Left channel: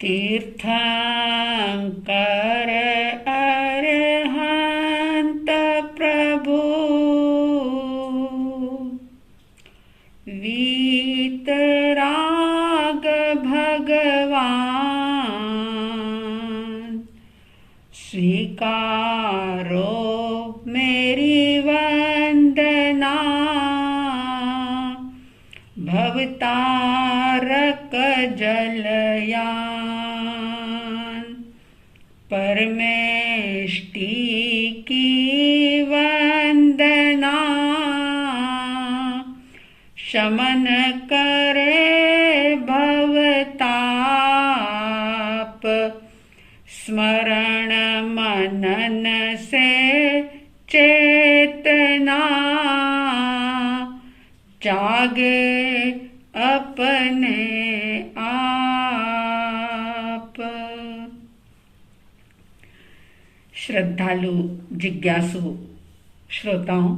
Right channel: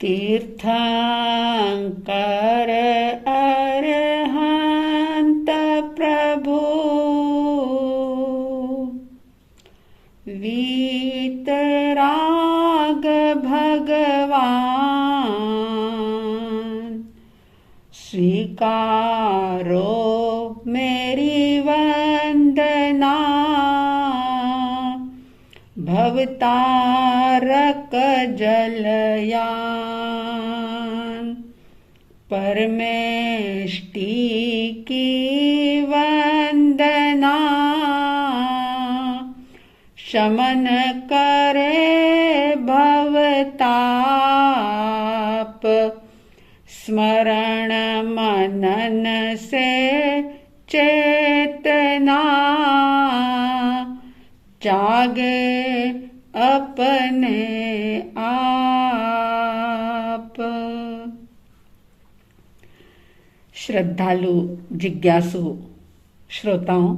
तीर्थंकर अरहंत प्रभु वीतराग भगवान स्वीकारो मेरी वंदना भवतारक जलयान परमेष्टि की वंदना शमन करे भवताप स्मरण मनन से चेतना जागे अपने आप। श्रद्धालु जिज्ञासु श्रोताओं,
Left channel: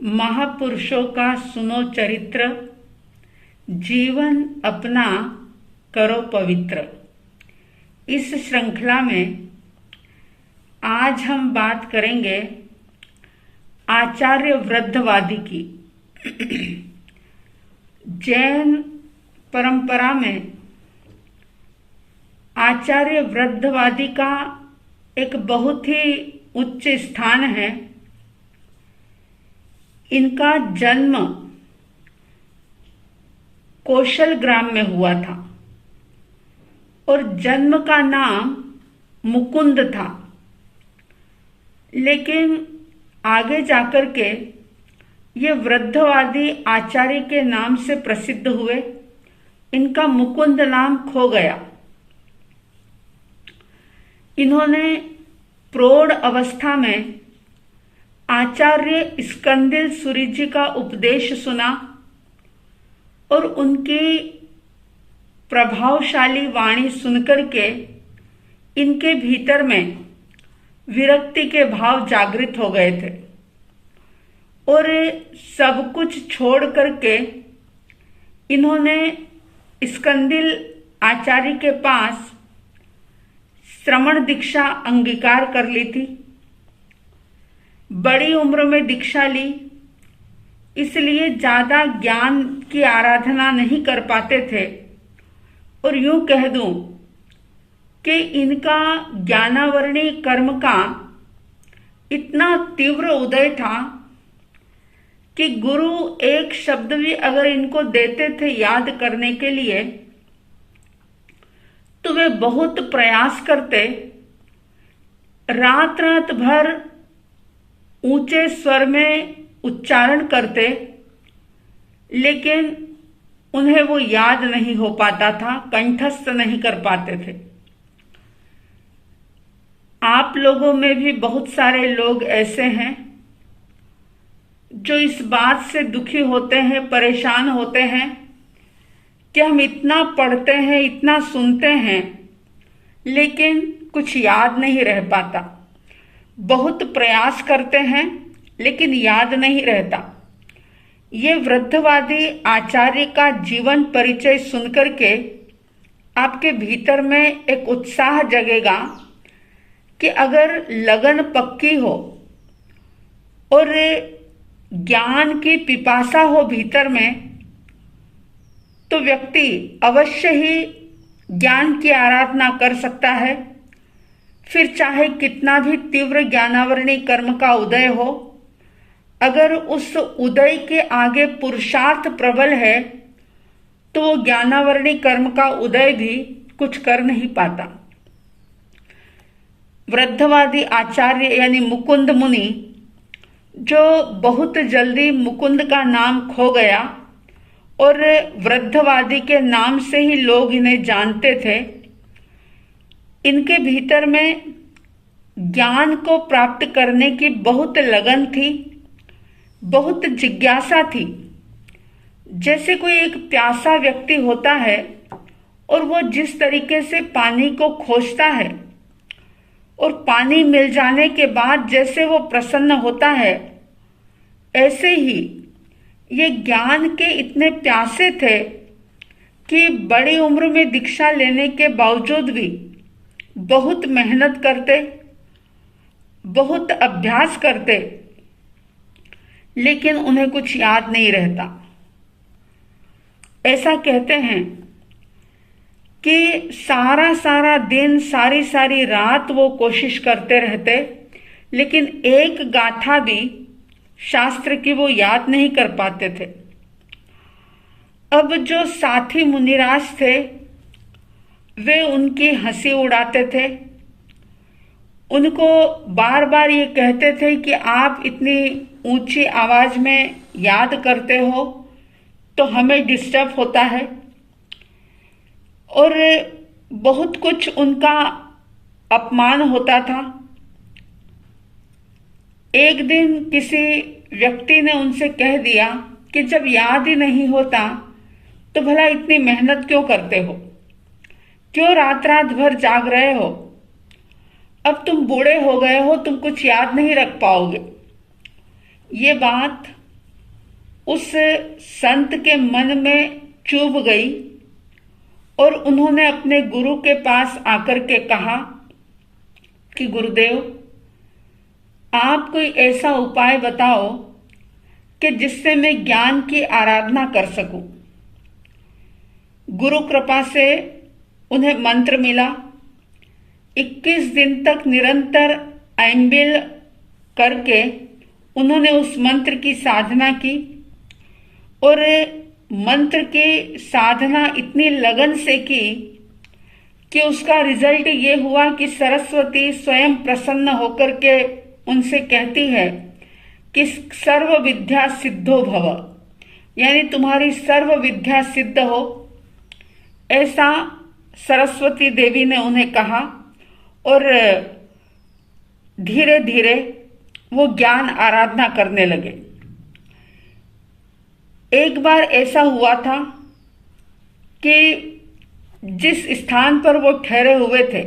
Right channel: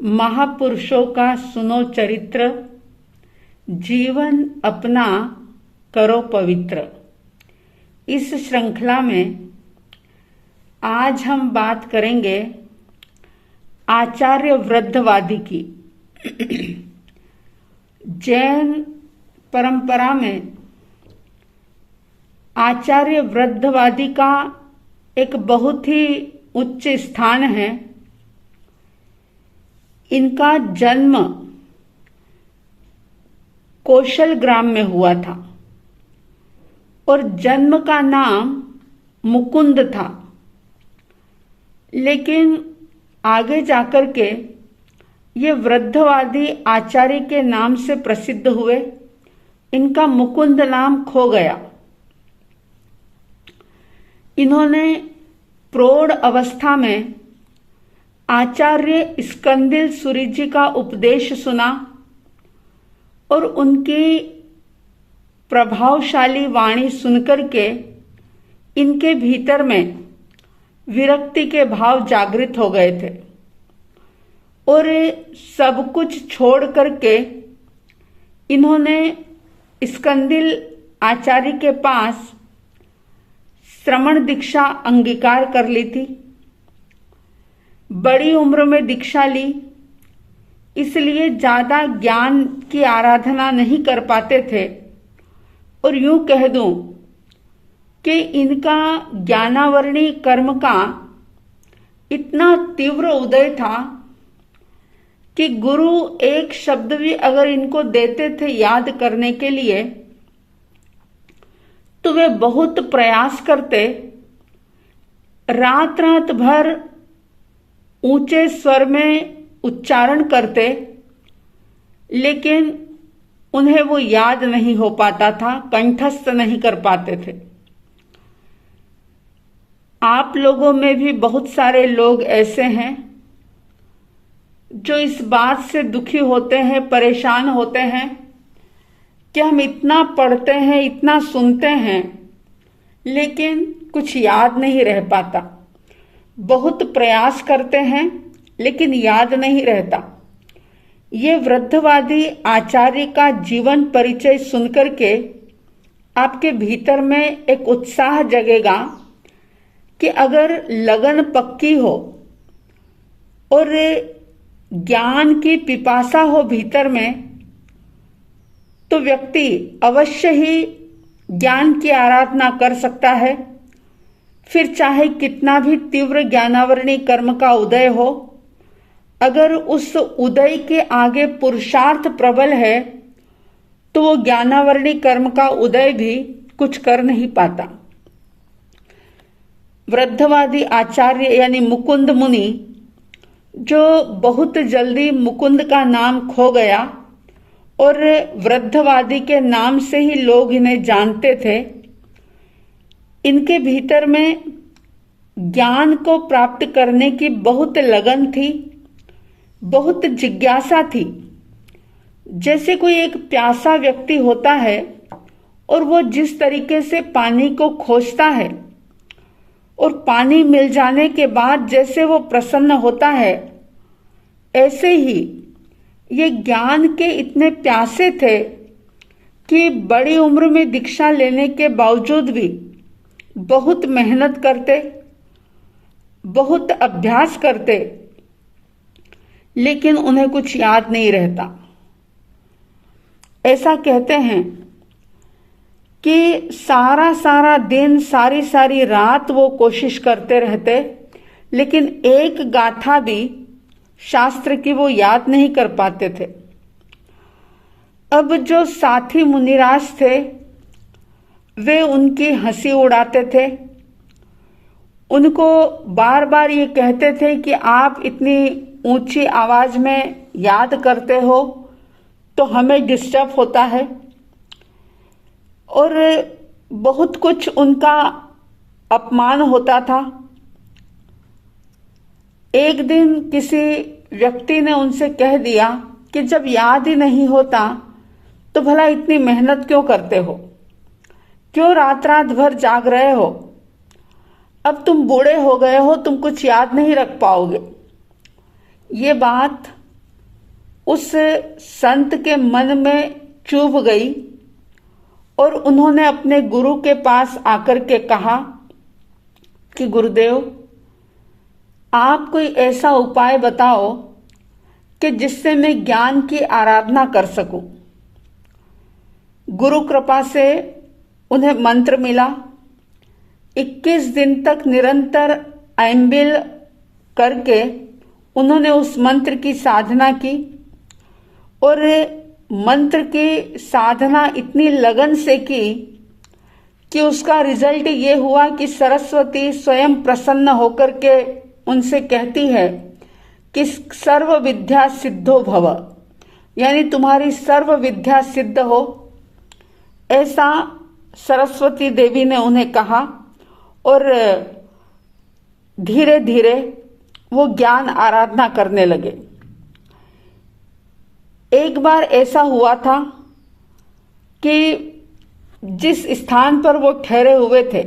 महापुरुषों का सुनो चरित्र, जीवन अपना करो पवित्र। इस श्रृंखला में आज हम बात करेंगे आचार्य वृद्धवादी की। जैन परंपरा में आचार्य वृद्धवादी का एक बहुत ही उच्च स्थान है। इनका जन्म कौशल ग्राम में हुआ था और जन्म का नाम मुकुंद था, लेकिन आगे जाकर के ये वृद्धवादी आचार्य के नाम से प्रसिद्ध हुए। इनका मुकुंद नाम खो गया। इन्होंने प्रौढ़ अवस्था में आचार्य स्कंदिल सूरि जी का उपदेश सुना और उनकी प्रभावशाली वाणी सुनकर के इनके भीतर में विरक्ति के भाव जागृत हो गए थे और सब कुछ छोड़ करके इन्होंने स्कंदिल आचार्य के पास श्रमण दीक्षा अंगीकार कर ली थी। बड़ी उम्र में दीक्षा ली, इसलिए ज्यादा ज्ञान की आराधना नहीं कर पाते थे और यूं कह दूं कि इनका ज्ञानावरणी कर्म का इतना तीव्र उदय था कि गुरु एक शब्द भी अगर इनको देते थे याद करने के लिए तो वे बहुत प्रयास करते, रात रात भर ऊंचे स्वर में उच्चारण करते, लेकिन उन्हें वो याद नहीं हो पाता था, कंठस्थ नहीं कर पाते थे। आप लोगों में भी बहुत सारे लोग ऐसे हैं जो इस बात से दुखी होते हैं, परेशान होते हैं कि हम इतना पढ़ते हैं, इतना सुनते हैं, लेकिन कुछ याद नहीं रह पाता। बहुत प्रयास करते हैं लेकिन याद नहीं रहता। ये वृद्धवादी आचार्य का जीवन परिचय सुनकर के आपके भीतर में एक उत्साह जगेगा कि अगर लगन पक्की हो और ज्ञान की पिपासा हो भीतर में, तो व्यक्ति अवश्य ही ज्ञान की आराधना कर सकता है। फिर चाहे कितना भी तीव्र ज्ञानावरणी कर्म का उदय हो, अगर उस उदय के आगे पुरुषार्थ प्रबल है तो वो ज्ञानावरणी कर्म का उदय भी कुछ कर नहीं पाता। वृद्धवादी आचार्य यानी मुकुंद मुनि, जो बहुत जल्दी मुकुंद का नाम खो गया और वृद्धवादी के नाम से ही लोग इन्हें जानते थे, इनके भीतर में ज्ञान को प्राप्त करने की बहुत लगन थी, बहुत जिज्ञासा थी। जैसे कोई एक प्यासा व्यक्ति होता है और वो जिस तरीके से पानी को खोजता है और पानी मिल जाने के बाद जैसे वो प्रसन्न होता है, ऐसे ही ये ज्ञान के इतने प्यासे थे कि बड़ी उम्र में दीक्षा लेने के बावजूद भी बहुत मेहनत करते, बहुत अभ्यास करते, लेकिन उन्हें कुछ याद नहीं रहता। ऐसा कहते हैं कि सारा सारा दिन, सारी सारी रात वो कोशिश करते रहते, लेकिन एक गाथा भी शास्त्र की वो याद नहीं कर पाते थे। अब जो साथी मुनिराज थे वे उनकी हंसी उड़ाते थे, उनको बार बार ये कहते थे कि आप इतनी ऊंची आवाज में याद करते हो तो हमें डिस्टर्ब होता है, और बहुत कुछ उनका अपमान होता था। एक दिन किसी व्यक्ति ने उनसे कह दिया कि जब याद ही नहीं होता तो भला इतनी मेहनत क्यों करते हो, क्यों रात रात भर जाग रहे हो, अब तुम बूढ़े हो गए हो, तुम कुछ याद नहीं रख पाओगे। ये बात उस संत के मन में चुभ गई और उन्होंने अपने गुरु के पास आकर के कहा कि गुरुदेव, आप कोई ऐसा उपाय बताओ कि जिससे मैं ज्ञान की आराधना कर सकूं। गुरु कृपा से उन्हें मंत्र मिला। 21 दिन तक निरंतर ऐम्बिल करके उन्होंने उस मंत्र की साधना की, और मंत्र की साधना इतनी लगन से की कि उसका रिजल्ट ये हुआ कि सरस्वती स्वयं प्रसन्न होकर के उनसे कहती है कि सर्व विद्या सिद्धो भव, यानी तुम्हारी सर्व विद्या सिद्ध हो। ऐसा सरस्वती देवी ने उन्हें कहा, और धीरे धीरे वो ज्ञान आराधना करने लगे। एक बार ऐसा हुआ था कि जिस स्थान पर वो ठहरे हुए थे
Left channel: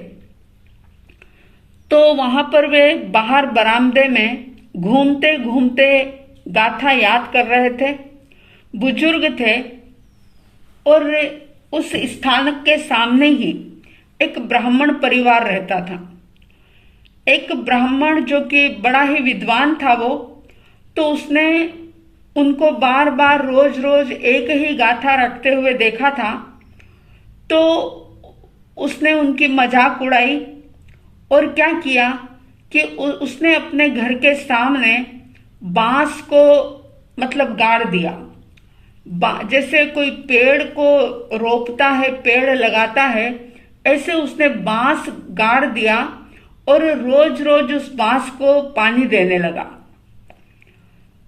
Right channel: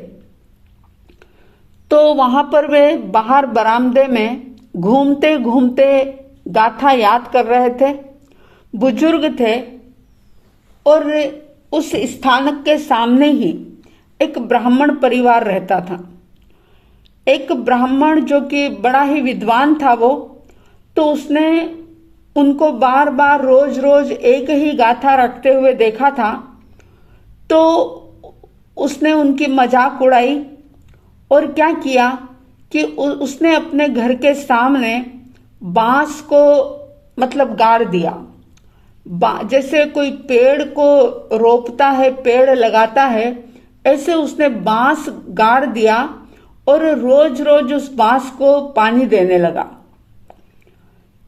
तो वहां पर वे बाहर बरामदे में घूमते घूमते गाथा याद कर रहे थे। बुजुर्ग थे और उस स्थान के सामने ही एक ब्राह्मण परिवार रहता था। एक ब्राह्मण जो कि बड़ा ही विद्वान था वो, तो उसने उनको बार बार रोज रोज एक ही गाथा रटते हुए देखा था, तो उसने उनकी मजाक उड़ाई और क्या किया कि उसने अपने घर के सामने बांस को मतलब गाड़ दिया। जैसे कोई पेड़ को रोपता है, पेड़ लगाता है, ऐसे उसने बांस गाड़ दिया और रोज रोज उस बांस को पानी देने लगा।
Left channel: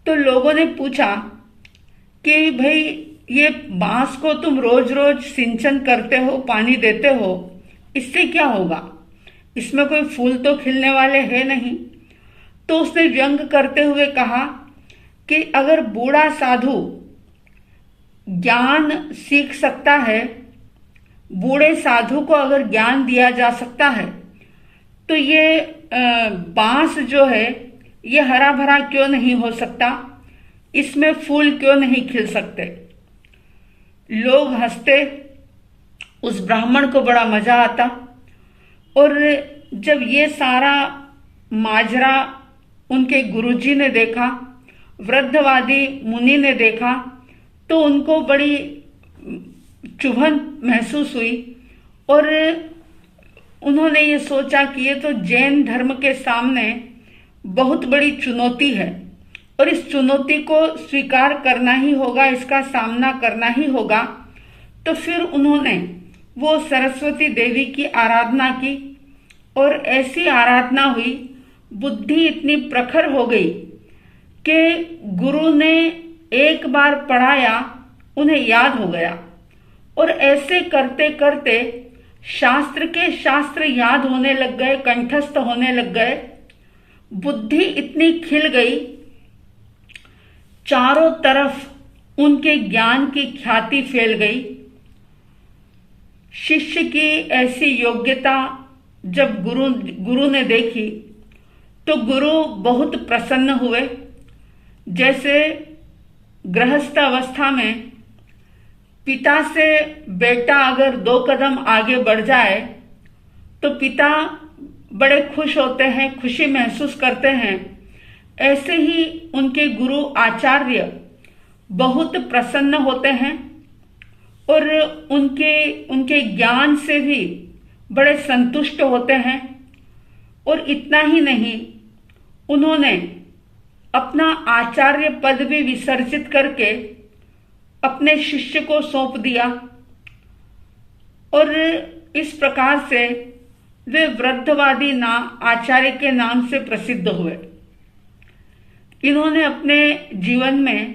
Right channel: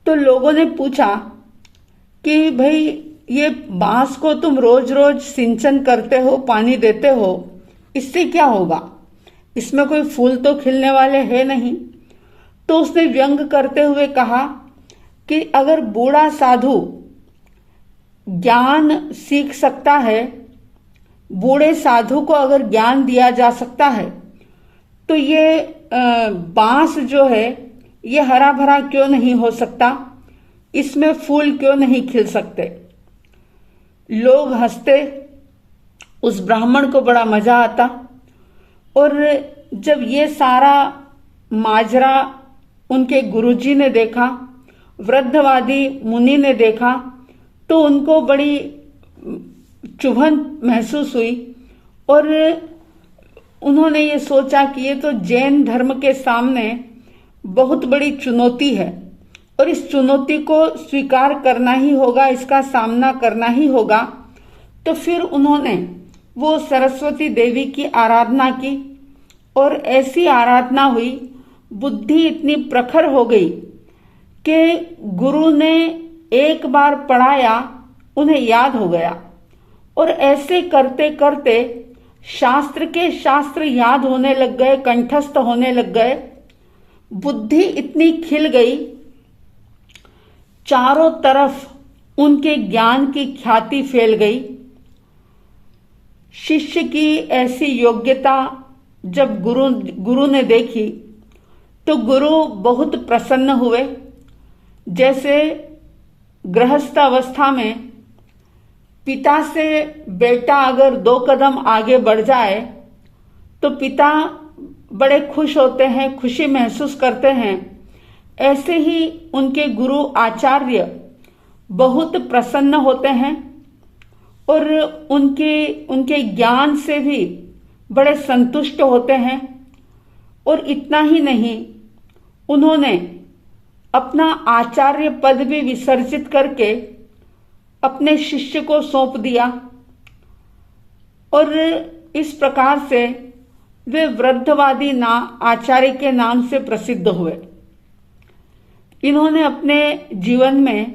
तो लोगों ने पूछा कि भाई ये बांस को तुम रोज रोज सिंचन करते हो, पानी देते हो, इससे क्या होगा, इसमें कोई फूल तो खिलने वाले हैं नहीं। तो उसने व्यंग करते हुए कहा कि अगर बूढ़ा साधु ज्ञान सीख सकता है, बूढ़े साधु को अगर ज्ञान दिया जा सकता है, तो ये बांस जो है ये हरा भरा क्यों नहीं हो सकता, इसमें फूल क्यों नहीं खिल सकते। लोग हंसते, उस ब्राह्मण को बड़ा मजा आता। और जब ये सारा माजरा उनके गुरुजी ने देखा, वृद्धवादी मुनि ने देखा, तो उनको बड़ी चुभन महसूस हुई और उन्होंने ये सोचा कि ये तो जैन धर्म के सामने बहुत बड़ी चुनौती है और इस चुनौती को स्वीकार करना ही होगा, इसका सामना करना ही होगा। तो फिर उन्होंने वो सरस्वती देवी की आराधना की और ऐसी आराधना हुई, बुद्धि इतनी प्रखर हो गई कि गुरु ने एक बार पढ़ाया, उन्हें याद हो गया। और ऐसे करते करते शास्त्र के शास्त्र याद होने लग गए, कंठस्थ होने लग गए। बुद्धि इतनी खिल गई, चारों तरफ उनके ज्ञान की ख्याति फैल गई। शिष्य की ऐसी योग्यता जब गुरु ने देखी तो गुरु बहुत प्रसन्न हुए। जैसे गृहस्थ अवस्था में पिता से बेटा अगर 2 कदम आगे बढ़ जाए तो पिता बड़े खुश होते हैं, खुशी महसूस करते हैं। ऐसे ही उनके गुरु आचार्य बहुत प्रसन्न होते हैं और उनके ज्ञान से भी बड़े संतुष्ट होते हैं। और इतना ही नहीं, उन्होंने अपना आचार्य पद भी विसर्जित करके अपने शिष्य को सौंप दिया और इस प्रकार से वे वृद्धवादी आचार्य के नाम से प्रसिद्ध हुए। इन्होंने अपने जीवन में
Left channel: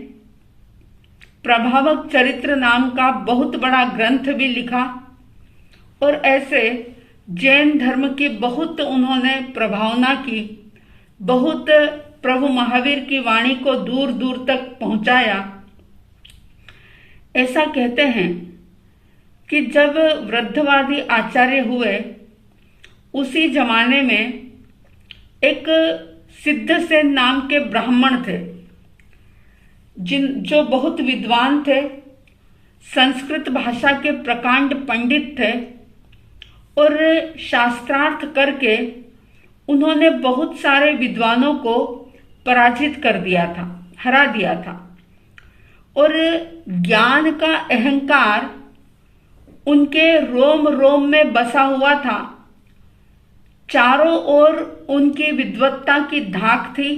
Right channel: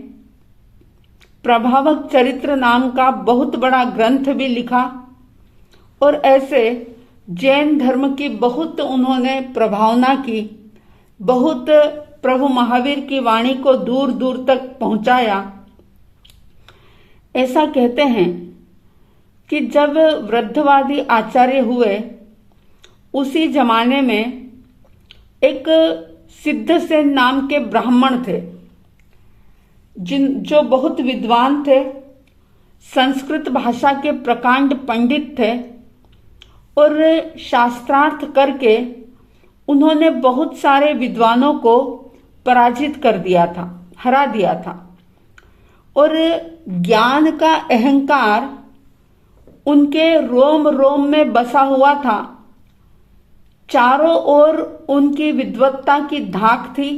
प्रभावक चरित्र नाम का बहुत बड़ा ग्रंथ भी लिखा और ऐसे जैन धर्म की बहुत उन्होंने प्रभावना की, बहुत प्रभु महावीर की वाणी को दूर दूर तक पहुंचाया। ऐसा कहते हैं कि जब वृद्धवादी आचार्य हुए उसी जमाने में एक सिद्धसेन नाम के ब्राह्मण थे जो बहुत विद्वान थे, संस्कृत भाषा के प्रकांड पंडित थे और शास्त्रार्थ करके उन्होंने बहुत सारे विद्वानों को पराजित कर दिया था, हरा दिया था। और ज्ञान का अहंकार उनके रोम रोम में बसा हुआ था। चारों ओर उनकी विद्वत्ता की धाक थी।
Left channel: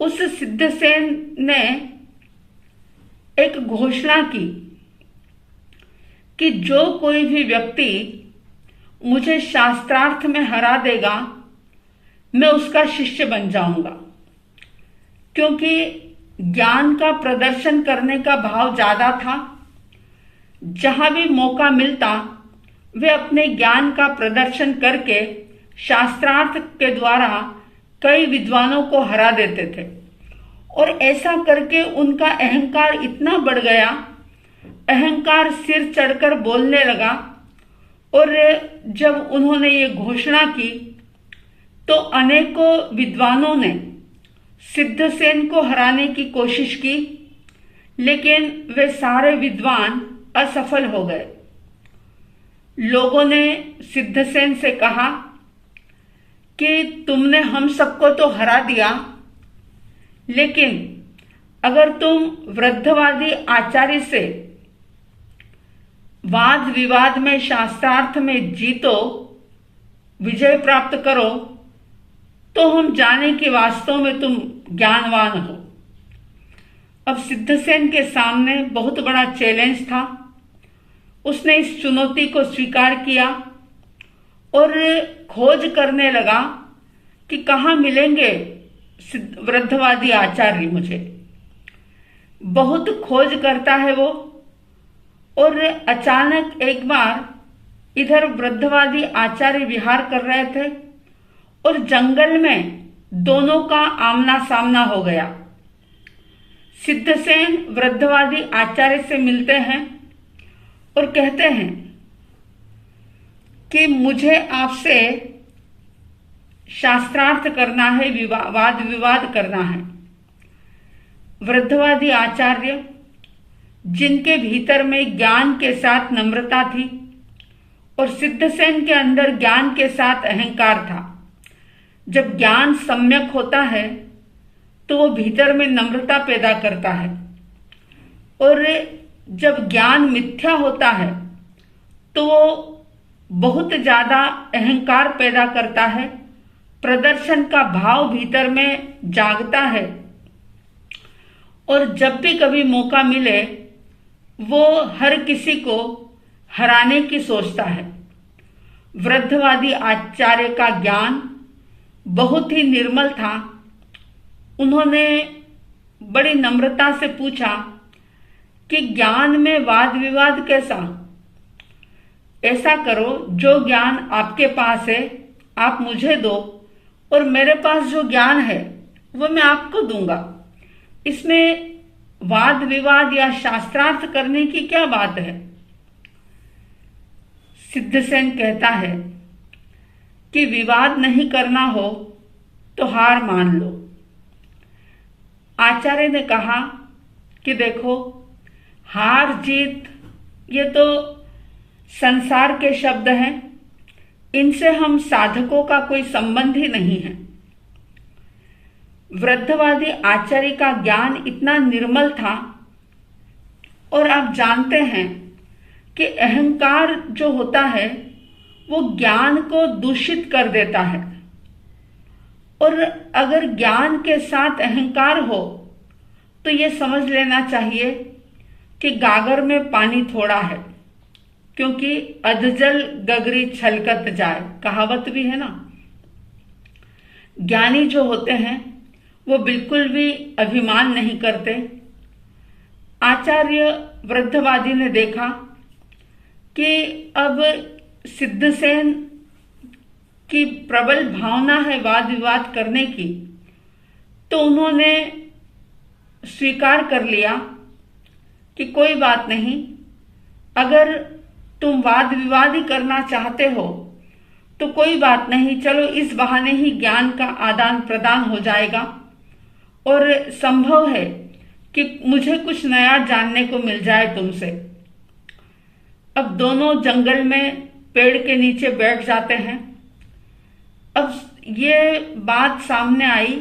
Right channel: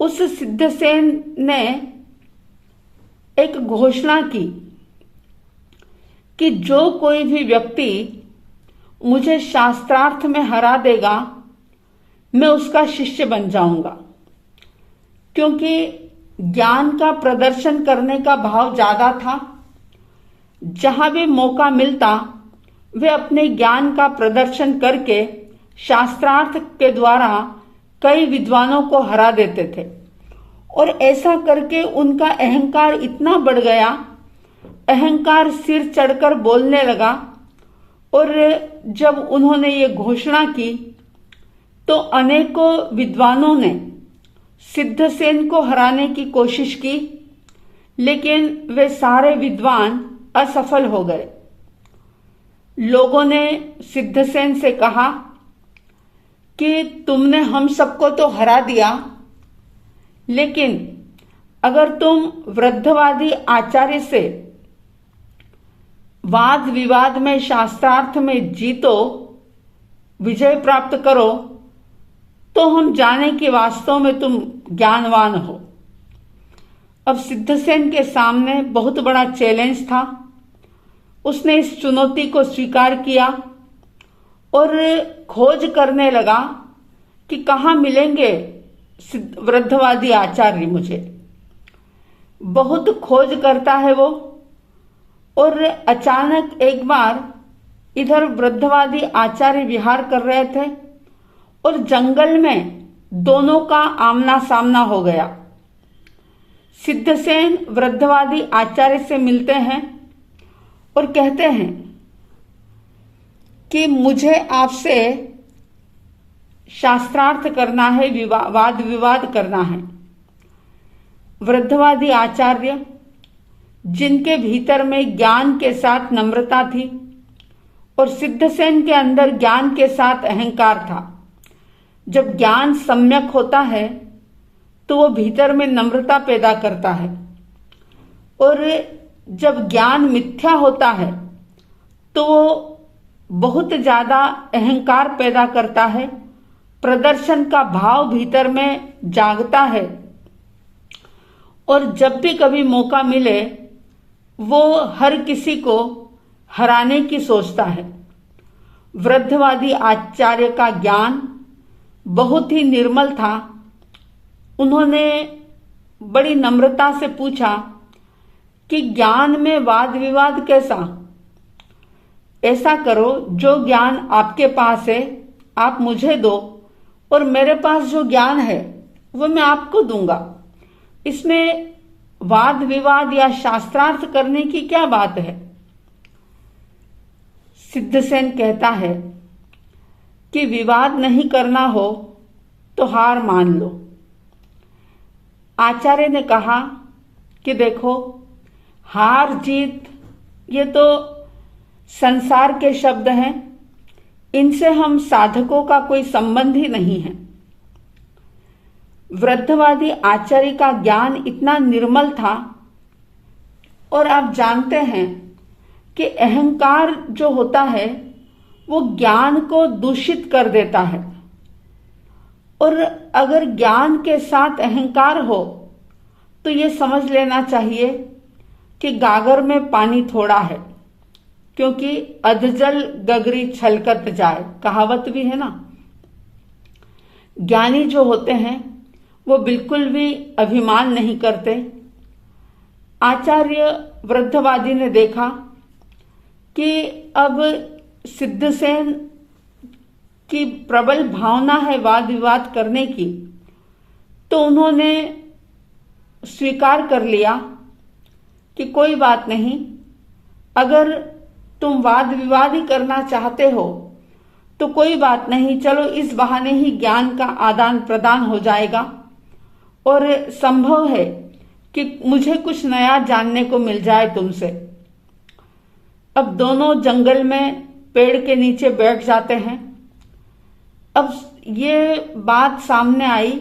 उस सिद्धसेन ने एक घोषणा की कि जो कोई भी व्यक्ति मुझे शास्त्रार्थ में हरा देगा, मैं उसका शिष्य बन जाऊंगा। क्योंकि ज्ञान का प्रदर्शन करने का भाव ज्यादा था। जहां भी मौका मिलता वे अपने ज्ञान का प्रदर्शन करके शास्त्रार्थ के द्वारा कई विद्वानों को हरा देते थे। और ऐसा करके उनका अहंकार इतना बढ़ गया, अहंकार सिर चढ़कर बोलने लगा। और जब उन्होंने ये घोषणा की तो अनेकों विद्वानों ने सिद्धसेन को हराने की कोशिश की, लेकिन वे सारे विद्वान असफल हो गए। लोगों ने सिद्धसेन से कहा कि तुमने हम सबको तो हरा दिया, लेकिन अगर तुम वृद्धवादी आचार्य से वाद विवाद में शास्त्रार्थ में जीतो, विजय प्राप्त करो, तो हम जाने कि वास्तव में तुम ज्ञानवान हो। अब सिद्धसेन के सामने बहुत बड़ा चैलेंज था। उसने इस चुनौती को स्वीकार किया और खोज करने लगा कि कहाँ मिलेंगे वृद्धवादी आचार्य मुझे। बहुत खोज करता है वो, और अचानक एक बार इधर वृद्धवादी आचार्य विहार कर रहे थे और जंगल में दोनों का आमना सामना हो गया। सिद्धसेन वृद्धवादी आचार्य से मिलते हैं और कहते हैं कि मुझे आपसे शास्त्रार्थ करना है, वाद विवाद करना है। वृद्धवादी आचार्य, जिनके भीतर में ज्ञान के साथ नम्रता थी और सिद्धसेन के अंदर ज्ञान के साथ अहंकार था। जब ज्ञान सम्यक होता है तो वो भीतर में नम्रता पैदा करता है, और जब ज्ञान मिथ्या होता है तो वो बहुत ज्यादा अहंकार पैदा करता है, प्रदर्शन का भाव भीतर में जागता है, और जब भी कभी मौका मिले वो हर किसी को हराने की सोचता है। वृद्धवादी आचार्य का ज्ञान बहुत ही निर्मल था। उन्होंने बड़ी नम्रता से पूछा कि ज्ञान में वाद विवाद कैसा? ऐसा करो, जो ज्ञान आपके पास है आप मुझे दो, और मेरे पास जो ज्ञान है वो मैं आपको दूंगा। इसमें वाद विवाद या शास्त्रार्थ करने की क्या बात है? सिद्धसेन कहता है कि विवाद नहीं करना हो तो हार मान लो। आचार्य ने कहा कि देखो, हार जीत ये तो संसार के शब्द हैं, इनसे हम साधकों का कोई संबंध ही नहीं है। वृद्धवादी आचार्य का ज्ञान इतना निर्मल था, और आप जानते हैं कि अहंकार जो होता है वो ज्ञान को दूषित कर देता है, और अगर ज्ञान के साथ अहंकार हो तो ये समझ लेना चाहिए कि गागर में पानी थोड़ा है, क्योंकि अधजल गगरी छलकत जाए, कहावत भी है ना। ज्ञानी जो होते हैं वो बिल्कुल भी अभिमान नहीं करते। आचार्य वृद्धवादी ने देखा कि अब सिद्धसेन की प्रबल भावना है वाद विवाद करने की, तो उन्होंने स्वीकार कर लिया कि कोई बात नहीं, अगर तुम वाद विवाद ही करना चाहते हो तो कोई बात नहीं, चलो इस बहाने ही ज्ञान का आदान प्रदान हो जाएगा, और संभव है कि मुझे कुछ नया जानने को मिल जाए तुमसे। अब दोनों जंगल में पेड़ के नीचे बैठ जाते हैं। अब ये बात सामने आई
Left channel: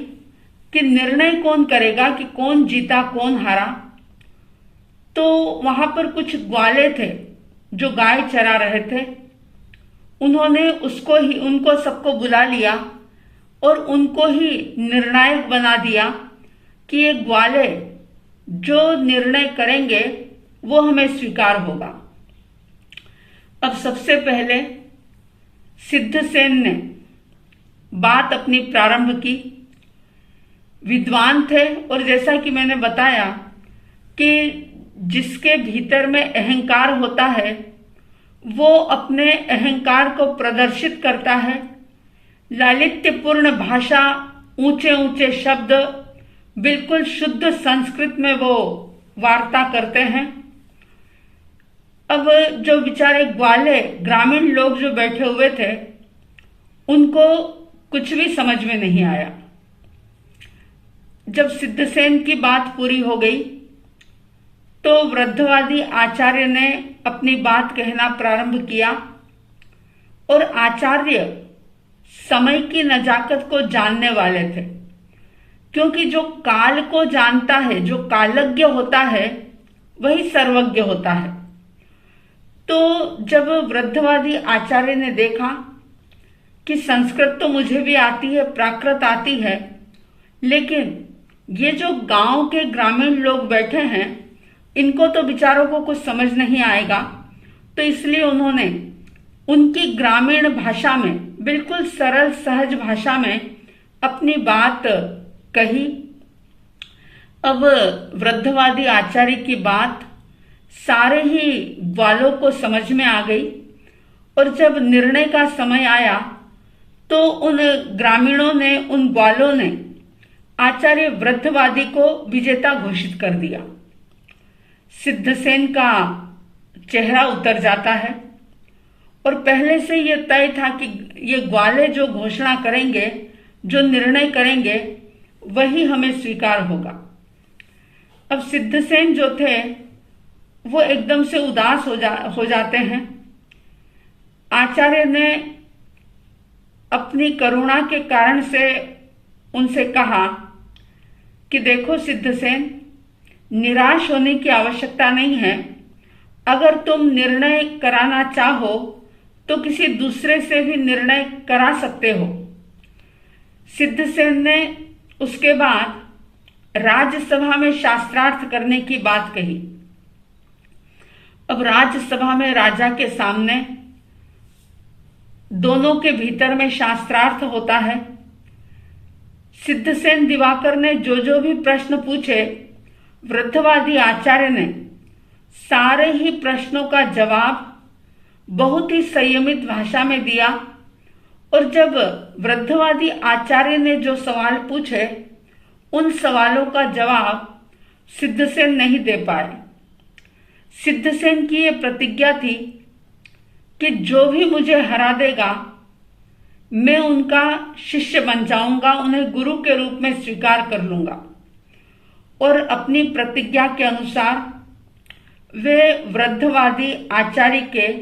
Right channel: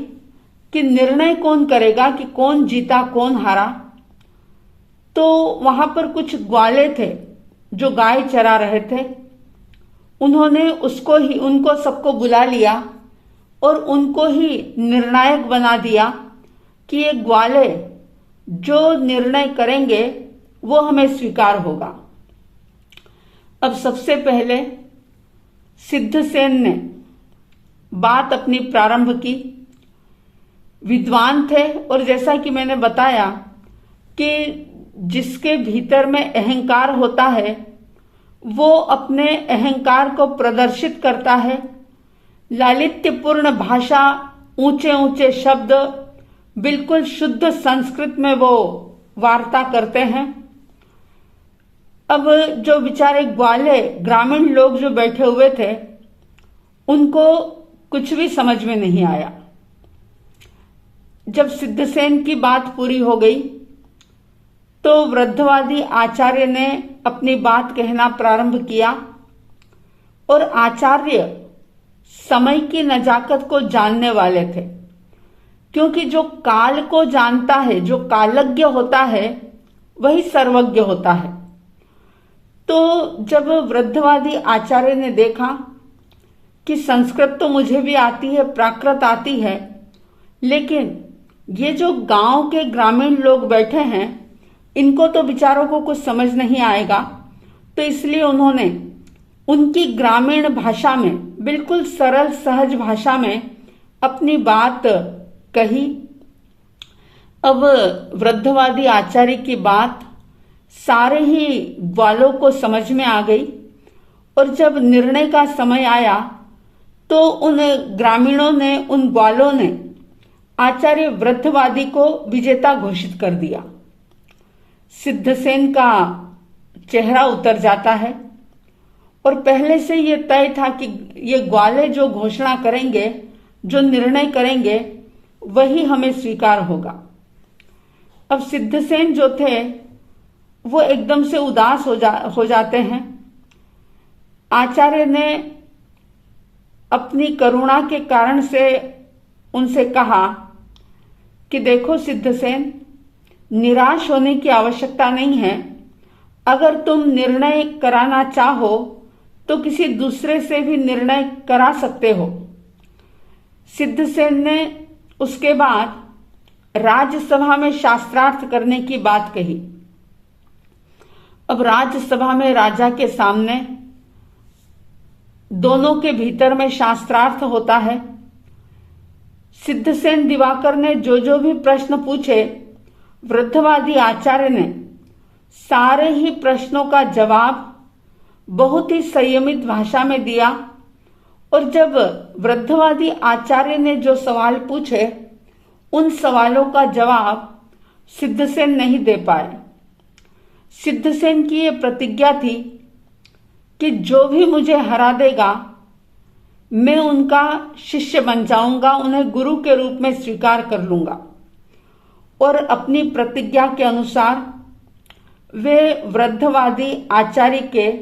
कि निर्णय कौन करेगा कि कौन जीता कौन हारा। तो वहां पर कुछ ग्वाले थे जो गाय चरा रहे थे, उन्होंने उनको सबको बुला लिया और उनको ही निर्णायक बना दिया कि ये ग्वाले जो निर्णय करेंगे वो हमें स्वीकार होगा। अब सबसे पहले सिद्धसेन ने बात अपनी प्रारंभ की। विद्वान थे, और जैसा कि मैंने बताया कि जिसके भीतर में अहंकार होता है वो अपने अहंकार को प्रदर्शित करता है। लालित्यपूर्ण भाषा, ऊंचे ऊंचे शब्द, बिल्कुल शुद्ध संस्कृत में वो वार्ता करते हैं। अब जो बेचारे ग्वाले ग्रामीण लोग जो बैठे हुए थे उनको कुछ भी समझ में नहीं आया। जब सिद्धसेन की बात पूरी हो गई तो वृद्धवादी आचार्य ने अपनी बात कहना प्रारंभ किया, और आचार्य समय की नजाकत को जानने वाले थे, क्योंकि जो काल को जानता है, जो कालज्ञ होता है, वही सर्वज्ञ होता है। तो जब वृद्धवादी आचार्य ने देखा कि संस्कृत तो मुझे भी आती है, प्राकृत आती है, लेकिन ये जो गांव के ग्रामीण लोग बैठे हैं इनको तो बेचारों को कुछ समझ नहीं आएगा, तो इसलिए उन्होंने उनकी ग्रामीण भाषा में, बिल्कुल सरल सहज भाषा में अपनी बात कही। अब वृद्धवादी आचार्य की बात सारे ही ग्वालों को समझ में आ गई, और जब निर्णय का समय आया तो उन ग्रामीणों ने, उन ग्वालों ने आचार्य वृद्धवादी को विजेता घोषित कर दिया। सिद्धसेन का चेहरा उतर जाता है, और पहले से ये तय था कि ये ग्वाले जो घोषणा करेंगे, जो निर्णय करेंगे, वही हमें स्वीकार होगा। अब सिद्धसेन जो थे वो एकदम से उदास हो जाते हैं। आचार्य ने अपनी करुणा के कारण से उनसे कहा कि देखो सिद्धसेन, निराश होने की आवश्यकता नहीं है। अगर तुम निर्णय कराना चाहो तो किसी दूसरे से भी निर्णय करा सकते हो। सिद्धसेन ने उसके बाद राज्यसभा में शास्त्रार्थ करने की बात कही। अब राज्यसभा में राजा के सामने दोनों के भीतर में शास्त्रार्थ होता है। सिद्धसेन दिवाकर ने जो भी प्रश्न पूछे, वृद्धवादी आचार्य ने सारे ही प्रश्नों का जवाब बहुत ही संयमित भाषा में दिया, और जब वृद्धवादी आचार्य ने जो सवाल पूछे उन सवालों का जवाब सिद्धसेन नहीं दे पाए। सिद्धसेन की ये प्रतिज्ञा थी कि जो भी मुझे हरा देगा मैं उनका शिष्य बन जाऊंगा, उन्हें गुरु के रूप में स्वीकार कर लूंगा। और अपनी प्रतिज्ञा के अनुसार वे वृद्धवादी आचार्य के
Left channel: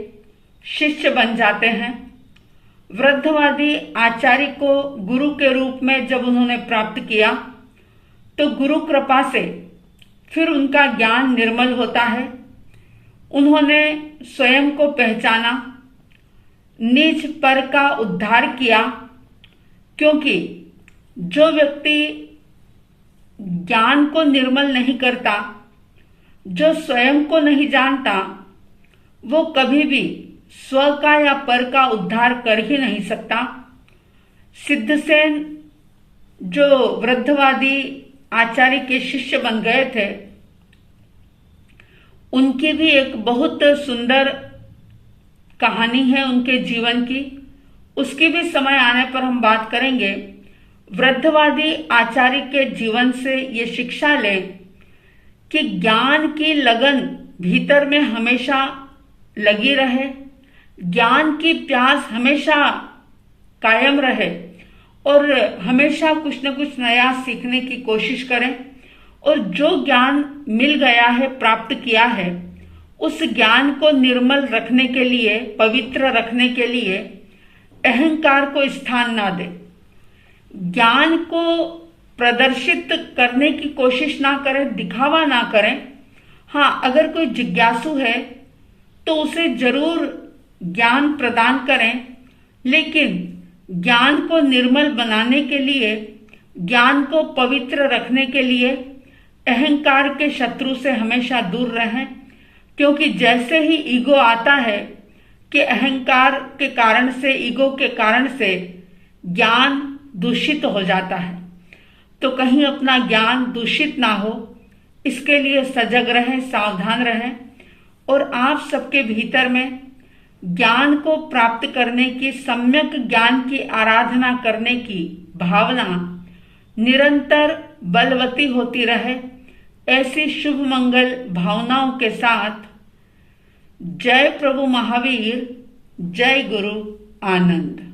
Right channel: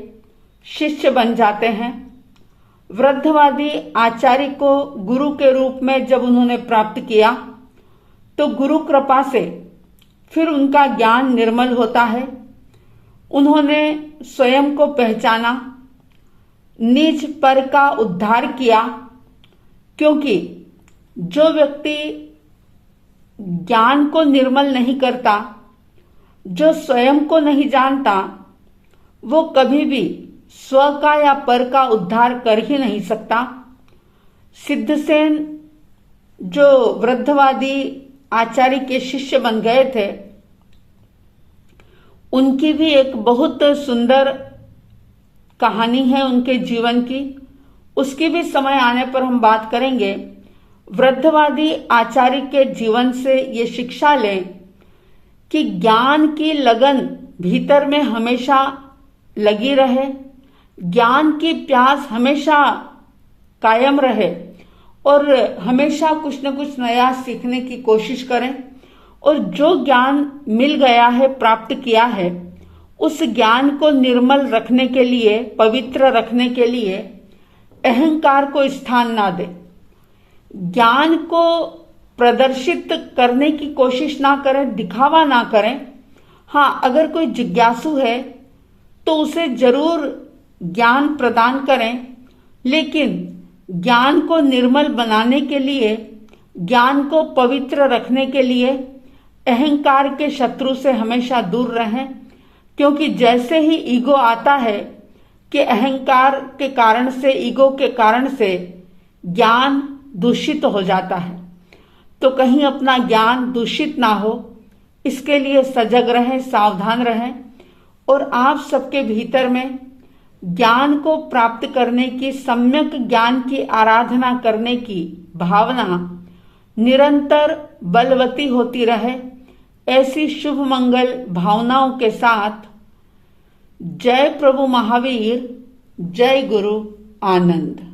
शिष्य बन जाते हैं। वृद्धवादी आचार्य को गुरु के रूप में जब उन्होंने प्राप्त किया तो गुरु कृपा से फिर उनका ज्ञान निर्मल होता है। उन्होंने स्वयं को पहचाना, निज पर का उद्धार किया, क्योंकि जो व्यक्ति ज्ञान को निर्मल नहीं करता, जो स्वयं को नहीं जानता, वो कभी भी स्व का या पर का उद्धार कर ही नहीं सकता। सिद्धसेन जो वृद्धवादी आचार्य के शिष्य बन गए थे, उनकी भी एक बहुत सुंदर कहानी है उनके जीवन की। उसकी भी समय आने पर हम बात करेंगे। वृद्धवादी आचार्य के जीवन से ये शिक्षा लें कि ज्ञान की लगन भीतर में हमेशा लगी रहे, ज्ञान की प्यास हमेशा कायम रहे और हमेशा कुछ न कुछ नया सीखने की कोशिश करें। और जो ज्ञान मिल गया है, प्राप्त किया है, उस ज्ञान को निर्मल रखने के लिए, पवित्र रखने के लिए अहंकार को स्थान ना दें। ज्ञान को प्रदर्शित करने की कोशिश ना करें, दिखावा ना करें। हाँ, अगर कोई जिज्ञासु है तो उसे जरूर ज्ञान प्रदान करें, लेकिन ज्ञान को निर्मल बनाने के लिए, ज्ञान को पवित्र रखने के लिए अहंकार के शत्रु से हमेशा दूर रहें। क्योंकि जैसे ही ईगो आता है कि अहंकार के कारण से, ईगो के कारण से ज्ञान दूषित हो जाता है। तो कहीं अपना ज्ञान दूषित ना हो, इसके लिए सजग रहें, सावधान रहें। और आप सबके भीतर में ज्ञान को प्राप्त करने की, सम्यक ज्ञान की आराधना करने की भावना निरंतर बलवती होती रहे। ऐसी शुभ मंगल भावनाओं के साथ जय प्रभु महावीर, जय गुरु आनंद।